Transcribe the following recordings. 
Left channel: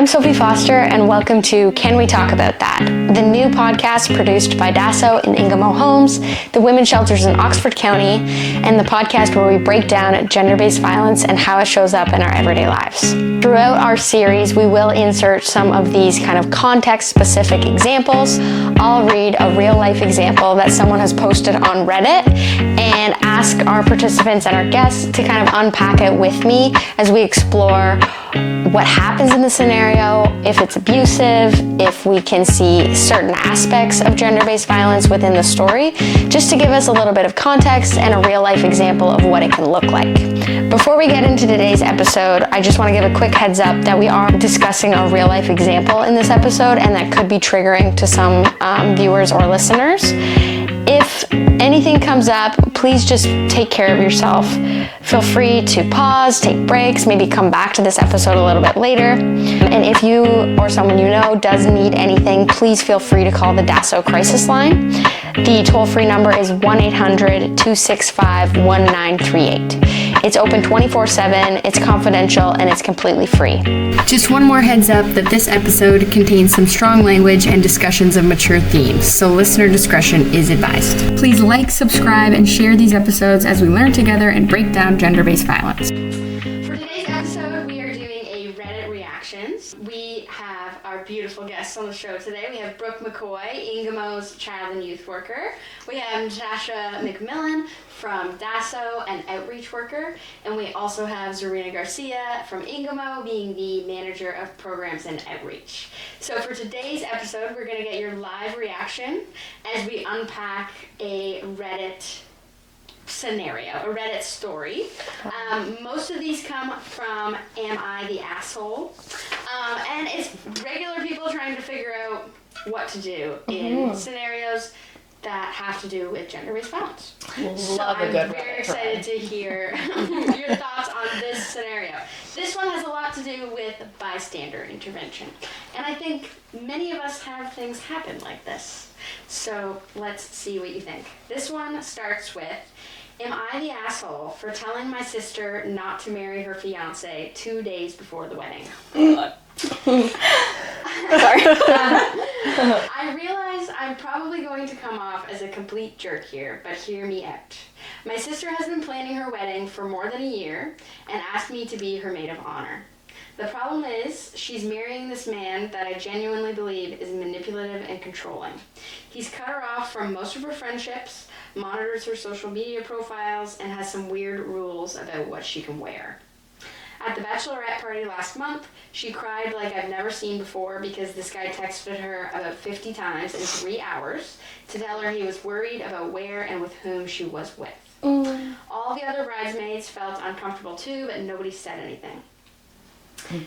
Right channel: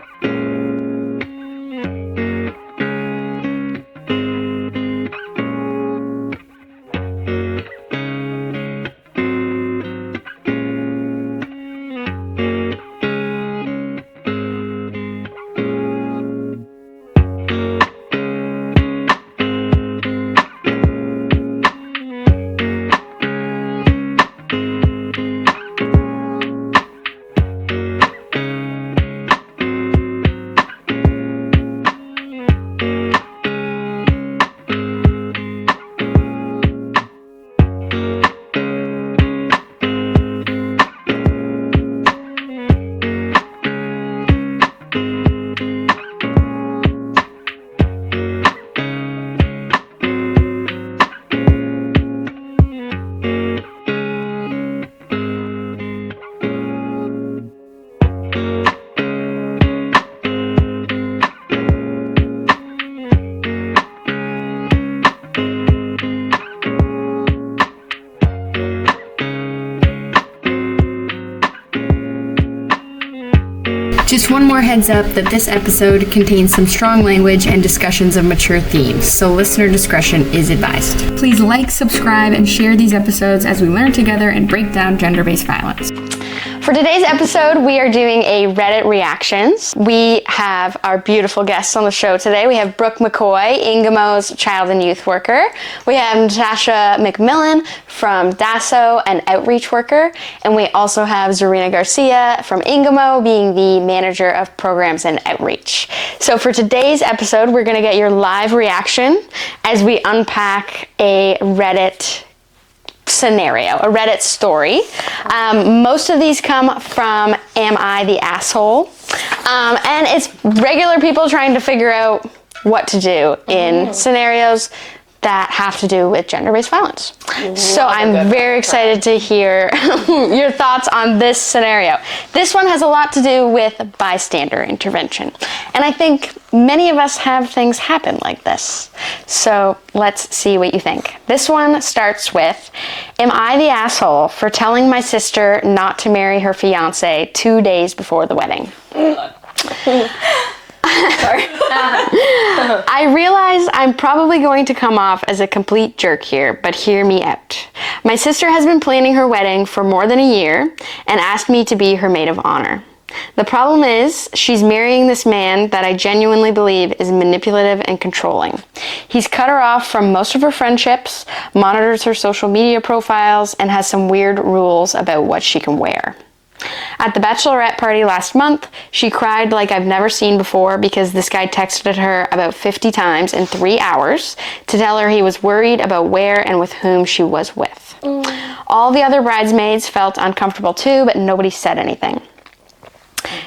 I'm Sophie Foster, and welcome to Can We Talk About That, the new podcast produced by DASO and Ingamo Homes, the women's shelters in Oxford County, and the podcast where we break down gender-based violence and how it shows up in our everyday lives. Throughout our series, we will insert some of these kind of context-specific examples. I'll read a real-life example that someone has posted on Reddit and ask our participants and our guests to kind of unpack it with me as we explore what happens in the scenario, if it's abusive, if we can see certain aspects of gender-based violence within the story, just to give us a little bit of context and a real-life example of what it can look like. Before we get into today's episode, I just want to give a quick heads up that we are discussing a real-life example in this episode, and that could be triggering to some viewers or listeners. If anything comes up, please just take care of yourself. Feel free to pause, take breaks, maybe come back to this episode a little bit later. And if you or someone you know does need anything, please feel free to call the DASO crisis line. The toll-free number is 1-800-265-1938. It's open 24/7, it's confidential, and it's completely free. Just one more heads up that this episode contains some strong language and discussions of mature themes, so listener discretion is advised. Please like, subscribe, and share these episodes as we learn together and break down gender-based violence. For today's episode, we are doing a Reddit reactions. We have our beautiful guests on the show today. We have Brooke McCoy, Ingamo's child and youth worker. We have Natasha McMillan from DASO, an outreach worker. And we also have Zarina Garcia from Ingamo, being the manager of programs and outreach. So for today's episode, we're going to get your live reaction as we unpack a Reddit scenario, a Reddit story. Most of these come from Am I the Asshole? And it's regular people trying to figure out what to do in scenarios that have to do with gender-based violence. So I'm very excited to hear your thoughts on this scenario. This one has a lot to do with bystander intervention. And I think many of us have things happen like this. So let's see what you think. This one starts with, am I the asshole for telling my sister not to marry her fiance 2 days before the wedding? I realize I'm probably going to come off as a complete jerk here, but hear me out. My sister has been planning her wedding for more than a year and asked me to be her maid of honor. The problem is, she's marrying this man that I genuinely believe is manipulative and controlling. He's cut her off from most of her friendships, monitors her social media profiles, and has some weird rules about what she can wear. At the bachelorette party last month, she cried like I've never seen before because this guy texted her about 50 times in 3 hours to tell her he was worried about where and with whom she was with. All the other bridesmaids felt uncomfortable too, but nobody said anything.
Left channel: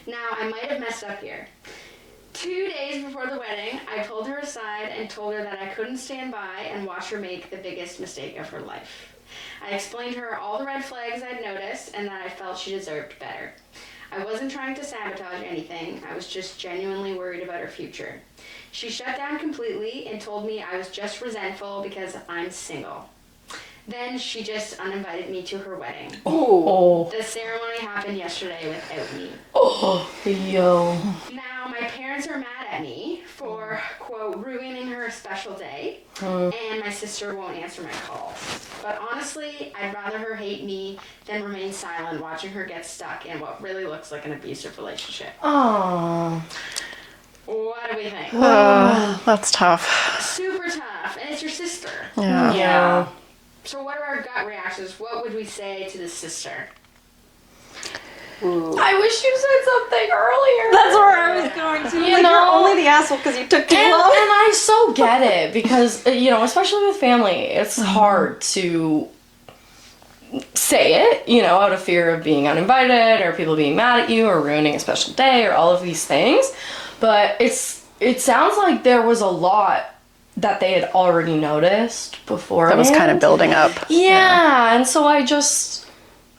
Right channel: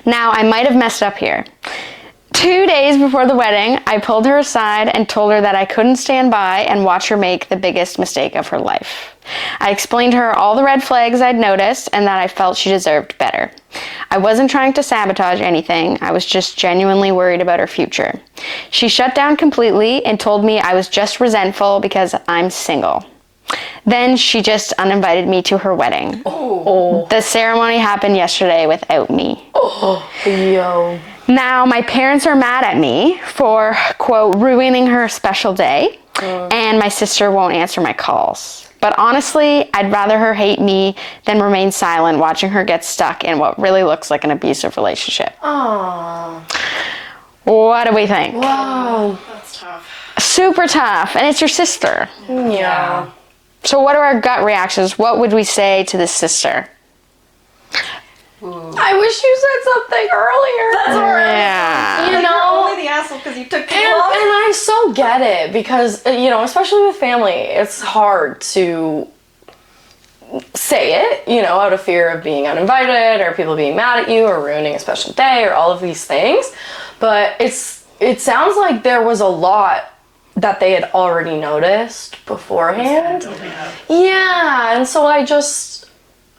Now, I might have messed up here. 2 days before the wedding, I pulled her aside and told her that I couldn't stand by and watch her make the biggest mistake of her life. I explained to her all the red flags I'd noticed and that I felt she deserved better. I wasn't trying to sabotage anything, I was just genuinely worried about her future. She shut down completely and told me I was just resentful because I'm single. Then she just uninvited me to her wedding. Oh. The ceremony happened yesterday without me. Oh, yo. Now, my parents are mad at me for, quote, ruining her special day, and my sister won't answer my calls. But honestly, I'd rather her hate me than remain silent watching her get stuck in what really looks like an abusive relationship. Aww. What do we think? Oh, that's tough. Super tough, and it's your sister. Yeah. So what are our gut reactions? What would we say to this sister? I wish you said something earlier. That's right. Yeah. You know, you're only the asshole because you took too long. And I so get it because, you know, especially with family, it's hard to say it, you know, out of fear of being uninvited or people being mad at you or ruining a special day or all of these things. But it sounds like there was a lot that they had already noticed before. That was kind of building up. Yeah, and so I just,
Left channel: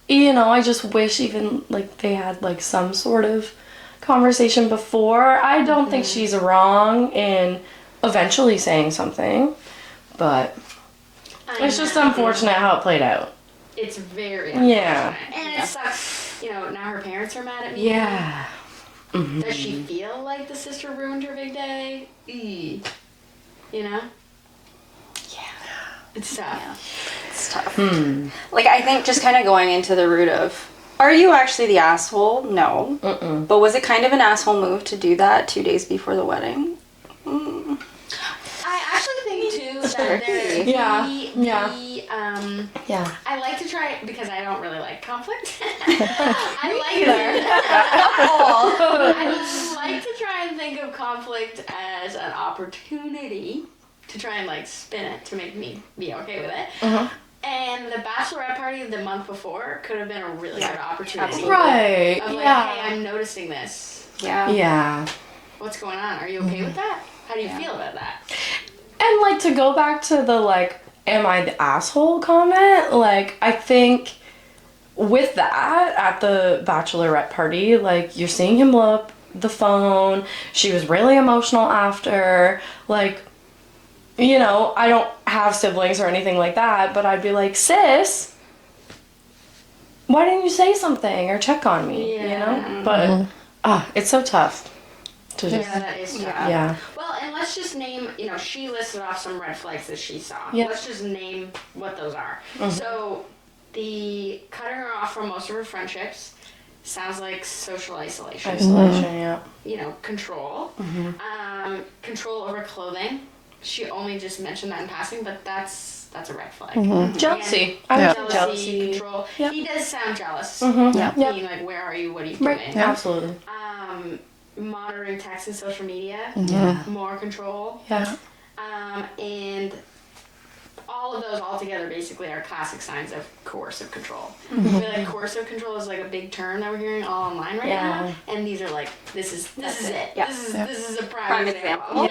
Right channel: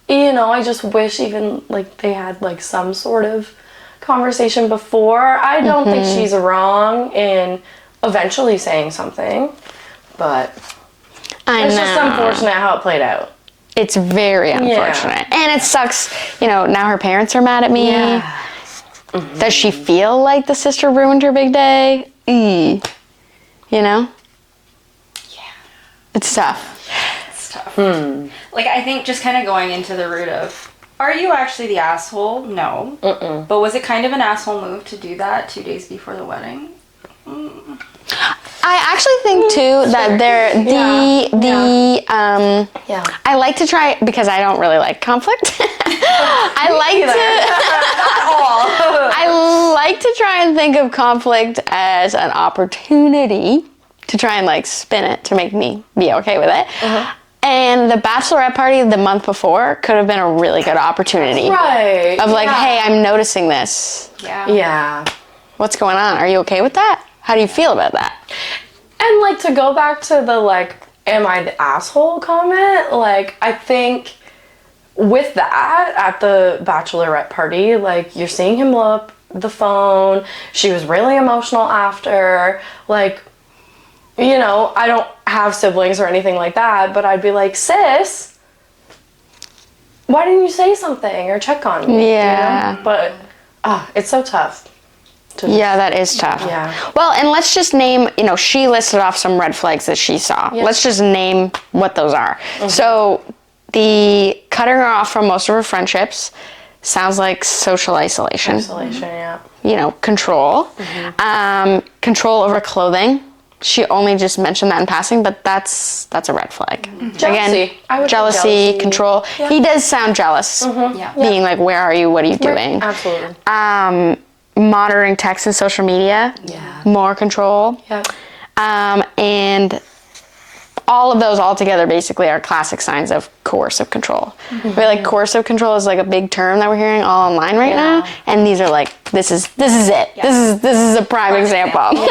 you know, I just wish even, like, they had, like, some sort of conversation before. I don't think she's wrong in eventually saying something, but it's just unfortunate how it played out. It's very unfortunate. And it sucks, you know, now her parents are mad at me. Yeah. Does she feel like the sister ruined her big day? You know? Yeah. It's tough. It's tough. Like, I think just kind of going into the root of, are you actually the asshole? No. But was it kind of an asshole move to do that 2 days before the wedding? I actually think too that I like to try, because I don't really like conflict. I like to try and think of conflict as an opportunity to try and like spin it to make me be okay with it. And the bachelorette party the month before could have been a really good opportunity. Right. Of like, hey, I'm noticing this. Yeah. Yeah. What's going on? Are you okay with that? How do you feel about that? And, like, to go back to the, like, am I the asshole comment? Like, I think with that, at the bachelorette party, like, you're seeing him blow up the phone. She was really emotional after. Like, you know, I don't have siblings or anything like that, but I'd be like, sis, why didn't you say something or check on me? Yeah. You know? But, it's so tough. Yeah, that is tough. Yeah. Well, and let's just name, you know, she listed off some red flags that she saw. Yeah. Let's just name what those are. So, the cutting her off from most of her friendships sounds like social isolation. Yeah. You know, control. Control over clothing. She only just mentioned that in passing, but that's a red flag. Jealousy. Again, jealousy, control. Yeah. He does sound jealous. Being like, where are you? What are you doing? Absolutely. Monitoring text and social media, more control. And all of those all together basically are classic signs of coercive control. I feel like coercive control is like a big term that we're hearing all online right now, and these are like, this is it. This is a prime example.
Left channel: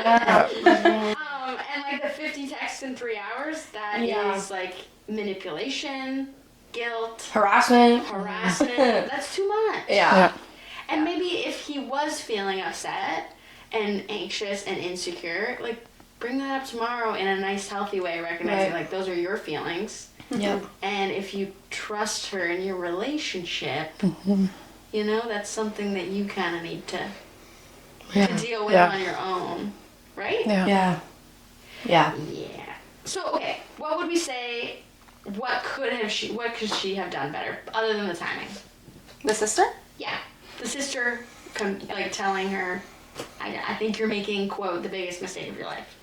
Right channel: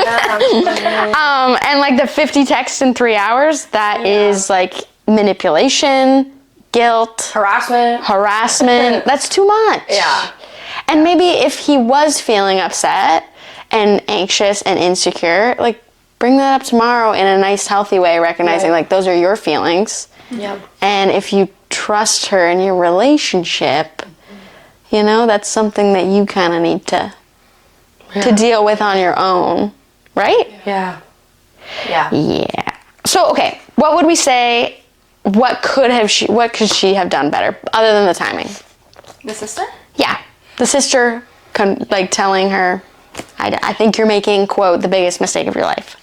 And like the 50 texts in 3 hours, that is like manipulation, guilt, harassment. That's too much. And maybe if he was feeling upset and anxious and insecure, like, bring that up tomorrow in a nice, healthy way, recognizing, like, those are your feelings. And if you trust her in your relationship, you know, that's something that you kind of need to deal with on your own, right? Yeah. So, okay, what would we say, what could she have done better, other than the timing? The sister? Yeah. The sister, like, telling her, I think you're making, quote, the biggest mistake of your life.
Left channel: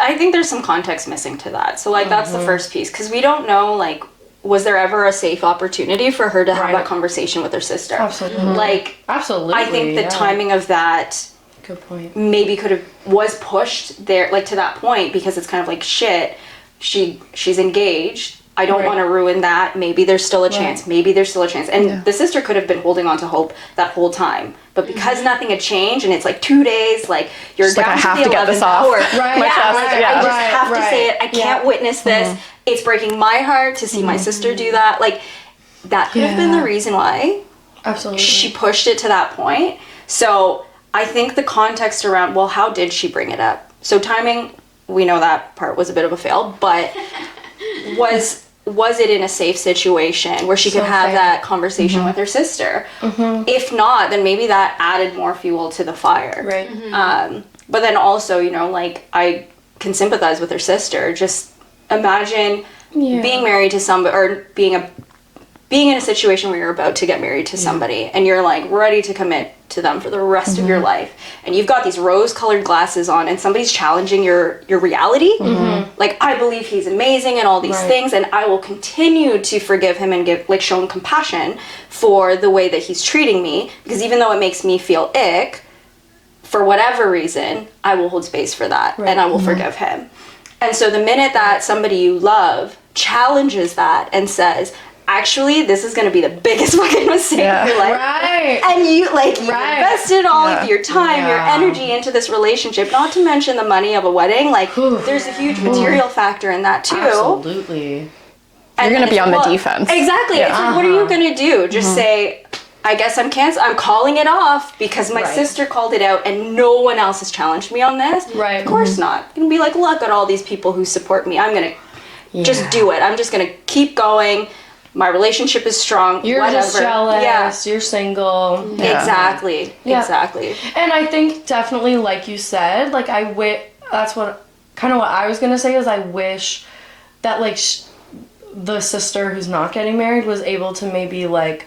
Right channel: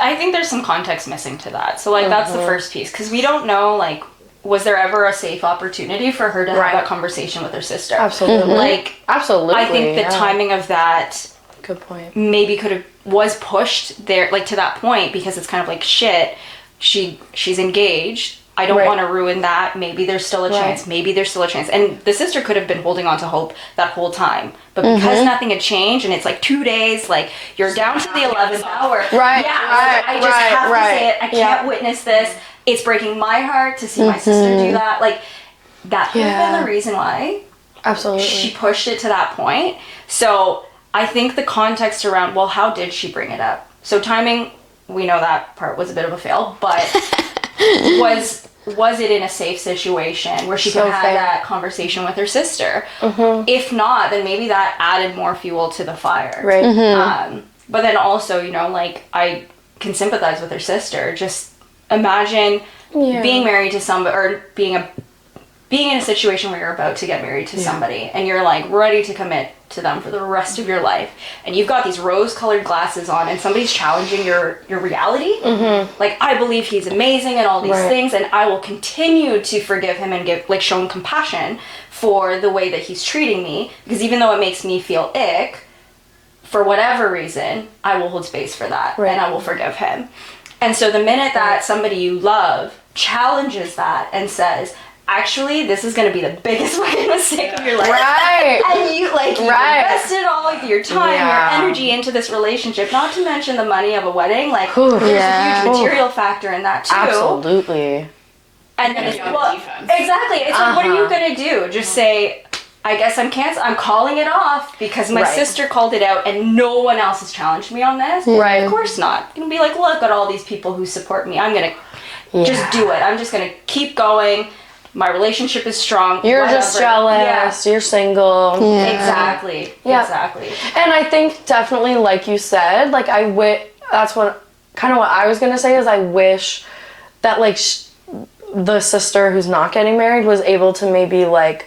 I think there's some context missing to that. So, like, that's the first piece. Because we don't know, like, was there ever a safe opportunity for her to have that conversation with her sister? Absolutely. Like, absolutely. I think the timing of that... Good point. Maybe was pushed there, like, to that point, because it's kind of like, shit, she's engaged. I don't want to ruin that. Maybe there's still a chance. Maybe there's still a chance. And the sister could have been holding on to hope that whole time. But because nothing had changed, and it's like 2 days, like, you're down to the 11th hour. I just have to say it. I can't witness this. It's breaking my heart to see my sister do that. Like, that could have been the reason why. Absolutely. She pushed it to that point. So I think the context around, well, how did she bring it up? So timing, we know that part was a bit of a fail, but was it in a safe situation where she could have that conversation with her sister? If not, then maybe that added more fuel to the fire. But then also, you know, like, I can sympathize with her sister. Just imagine being married to somebody, or being in a situation where you're about to get married to somebody, and you're like ready to commit to them for the rest of your life, and you've got these rose-colored glasses on, and somebody's challenging your reality. Like, I believe he's amazing and all these things, and I will continue to forgive him and show him compassion for the way that he's treating me, because even though it makes me feel ick, for whatever reason, I will hold space for that, and I will forgive him. And so the minute that somebody you love challenges that and says, actually, this is going to be the biggest fucking mistake of your life. And you, like, you invested all of your time, your energy into this relationship, not to mention the money of a wedding. Like, there's a huge material factor in that, too. Absolutely. You're going to be on the defense. Exactly. It's like, what are you going to do? Just say, I guess I'm calling it off because my sister called it out and no one else has challenged me on this. Of course not. I'm going to be like, look at all these people who support me. I'm going to just do it. I'm just going to keep going. my relationship is strong. You're just jealous. You're single. Yeah. Exactly. Yeah. Exactly. And I think definitely, like you said, like that's what kind of what I was gonna say is I wish that like the sister who's not getting married was able to maybe like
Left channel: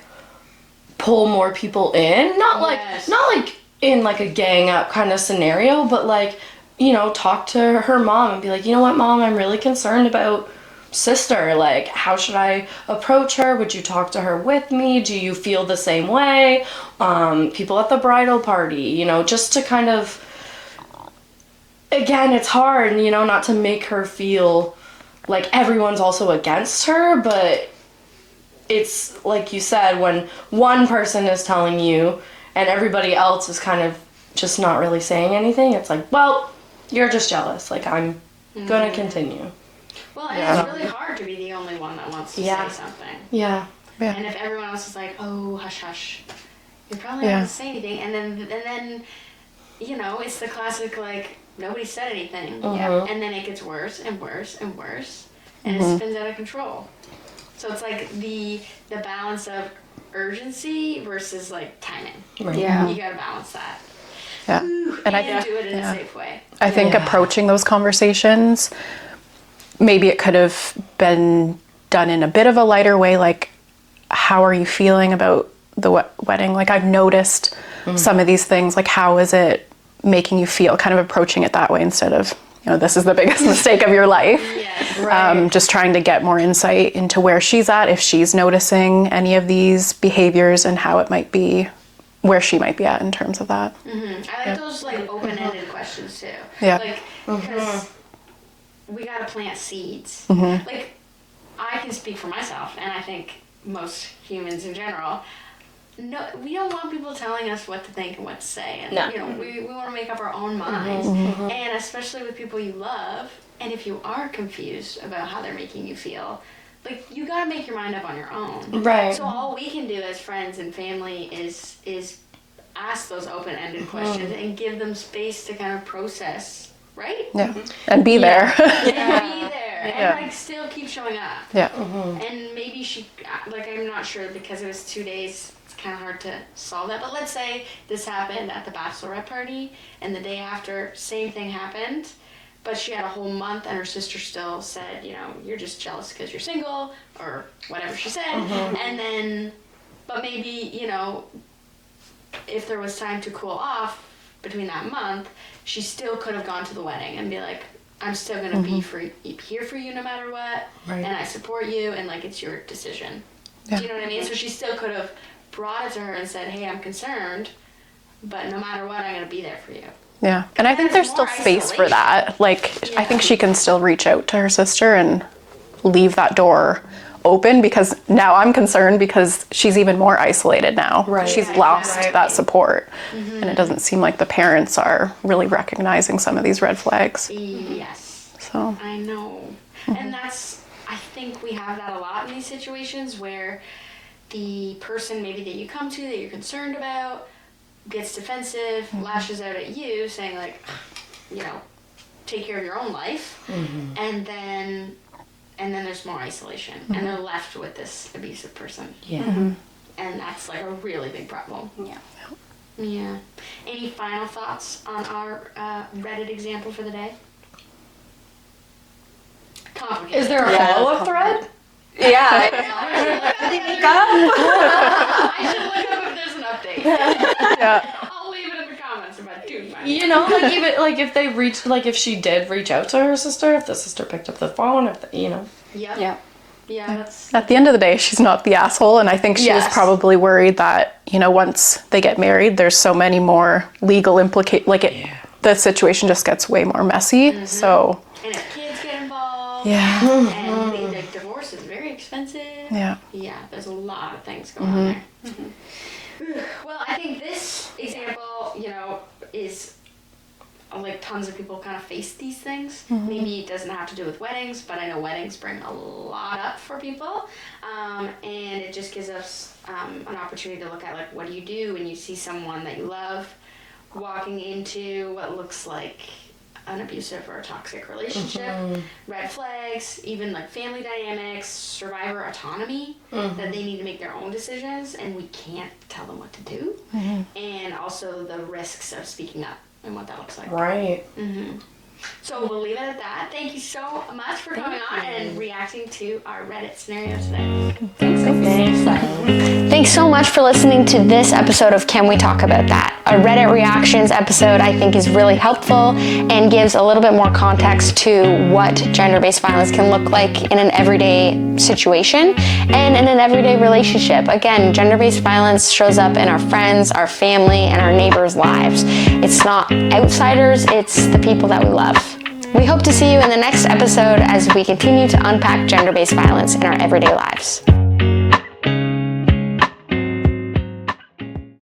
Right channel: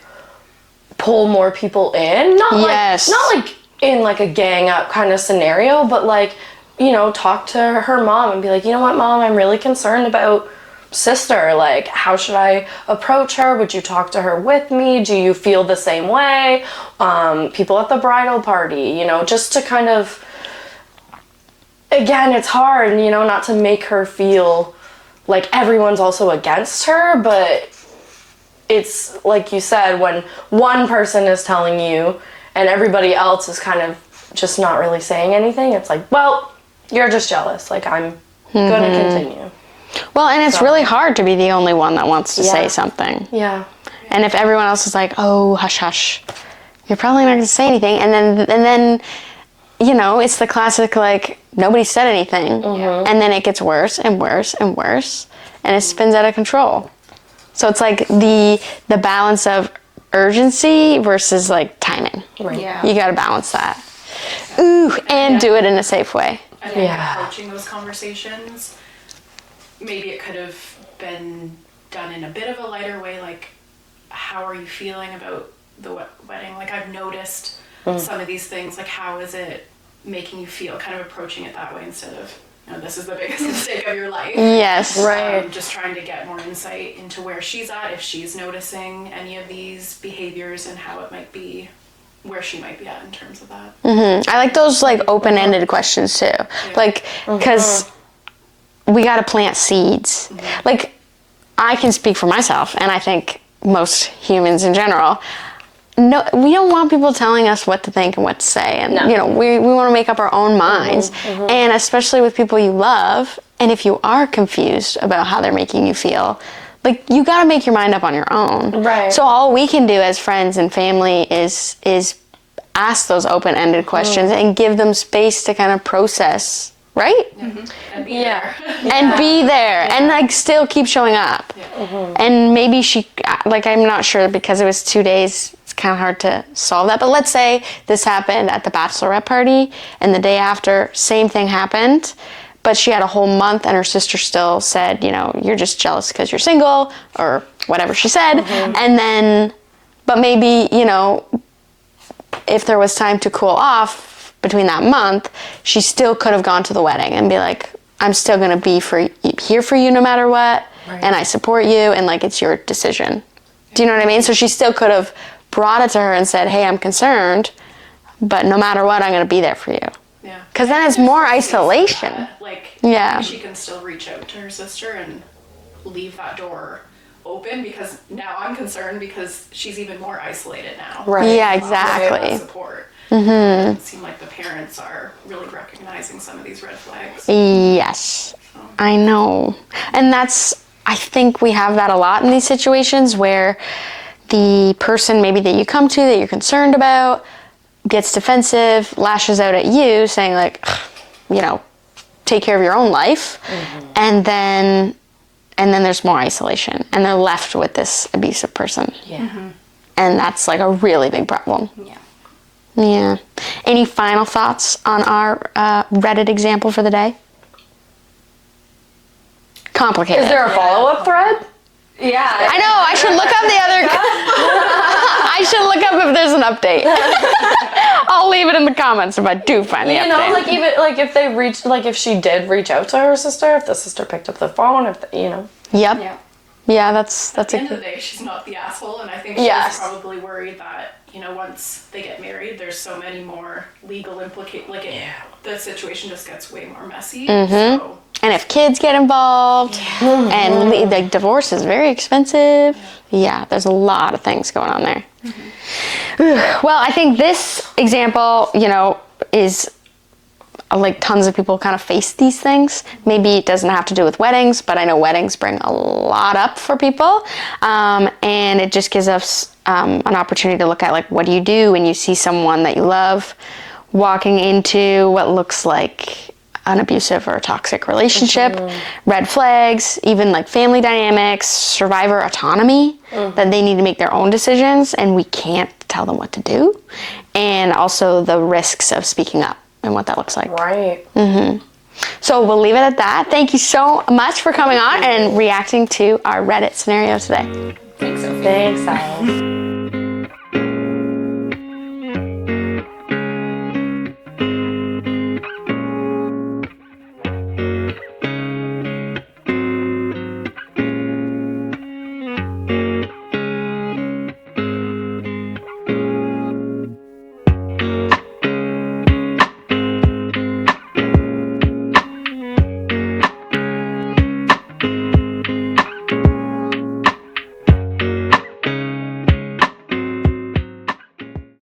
pull more people in, not like in like a gang up kind of scenario, but like, you know, talk to her mom and be like, you know what, Mom, I'm really concerned about sister. Like, how should I approach her? Would you talk to her with me? Do you feel the same way? People at the bridal party, you know, just to kind of, again, it's hard, you know, not to make her feel like everyone's also against her, but it's like you said, when one person is telling you and everybody else is kind of just not really saying anything, it's like, well, you're just jealous. Like, I'm gonna continue. Well, and it's really hard to be the only one that wants to say something. Yeah. And if everyone else is like, oh, hush, hush, you're probably not going to say anything. And then, you know, it's the classic, like, nobody said anything. And then it gets worse and worse and worse. And it spins out of control. So it's like the balance of urgency versus, like, timing. Right. Yeah. You got to balance that. Yeah. Ooh, and do it in a safe way. I think approaching those conversations, maybe it could have been done in a bit of a lighter way, like, how are you feeling about the wedding? Like, I've noticed some of these things, like, how is it making you feel? Kind of approaching it that way instead of, you know, this is the biggest mistake of your life. Yes. Right. Just trying to get more insight into where she's at, if she's noticing any of these behaviors and how it might be, where she might be at in terms of that. I like those, like, open-ended questions too. Yeah. Like, because we got to plant seeds. Like, I can speak for myself, and I think most humans in general, no, we don't want people telling us what to think and what to say. And, you know, we want to make up our own minds. And especially with people you love, and if you are confused about how they're making you feel, like, you got to make your mind up on your own. Right. So all we can do as friends and family is ask those open-ended questions and give them space to kind of process, right? Yeah. And be there. And be there. And, like, still keep showing up. Yeah. And maybe she, like, I'm not sure because it was 2 days, it's kind of hard to solve that. But let's say this happened at the bachelorette party, and the day after, same thing happened. But she had a whole month, and her sister still said, you know, you're just jealous because you're single, or whatever she said. And then, but maybe, you know, if there was time to cool off between that month, she still could have gone to the wedding and be like, I'm still going to be here for you no matter what, and I support you, and, like, it's your decision. Do you know what I mean? So she still could have brought it to her and said, hey, I'm concerned, but no matter what, I'm going to be there for you. Yeah. Because then it's more isolation. For that. Like, I think she can still reach out to her sister and leave that door open, because now I'm concerned because she's even more isolated now. Right. She's Yeah, lost exactly. that support. And it doesn't seem like the parents are really recognizing some of these red flags. Yes. So. I know. And I think we have that a lot in these situations where the person maybe that you come to that you're concerned about gets defensive, lashes out at you, saying, like, you know, take care of your own life. And then there's more isolation, and they're left with this abusive person. Yeah. And that's, like, a really big problem. Yeah. Any final thoughts on our Reddit example for the day? Complicated. Is there a follow-up thread? Yeah. I know. I should look up the other. I should look up if there's an update. I'll leave it in the comments if I do find the update. You know, like, even like if they reached, like, if she did reach out to her sister, if the sister picked up the phone, if you know. Yep. Yeah. Yeah, that's At the end of the day, she's not the asshole, and I think she was probably worried that, you know, once they get married, there's so many more legal the situation just gets way more messy. So. And if kids get involved, and like, divorce is very expensive. Yeah, there's a lot of things going on there. Well, I think this example, you know, is like tons of people kind of face these things. Maybe it doesn't have to do with weddings, but I know weddings bring a lot up for people. And it just gives us an opportunity to look at, like, what do you do when you see someone that you love walking into what looks like an abusive or a toxic relationship, red flags, even like family dynamics, survivor autonomy, that they need to make their own decisions and we can't tell them what to do, and also the risks of speaking up and what that looks like. Right. So we'll leave it at that. Thank you so much for coming on and reacting to our Reddit scenario today. Thanks, Tyler. Thanks so much for listening to this episode of Can We Talk About That? Our Reddit reactions episode, I think, is really helpful and gives a little bit more context to what gender-based violence can look like in an everyday situation and in an everyday relationship. Again, gender-based violence shows up in our friends, our family, and our neighbors' lives. It's not outsiders, it's the people that we love. We hope to see you in the next episode as we continue to unpack gender-based violence in our everyday lives.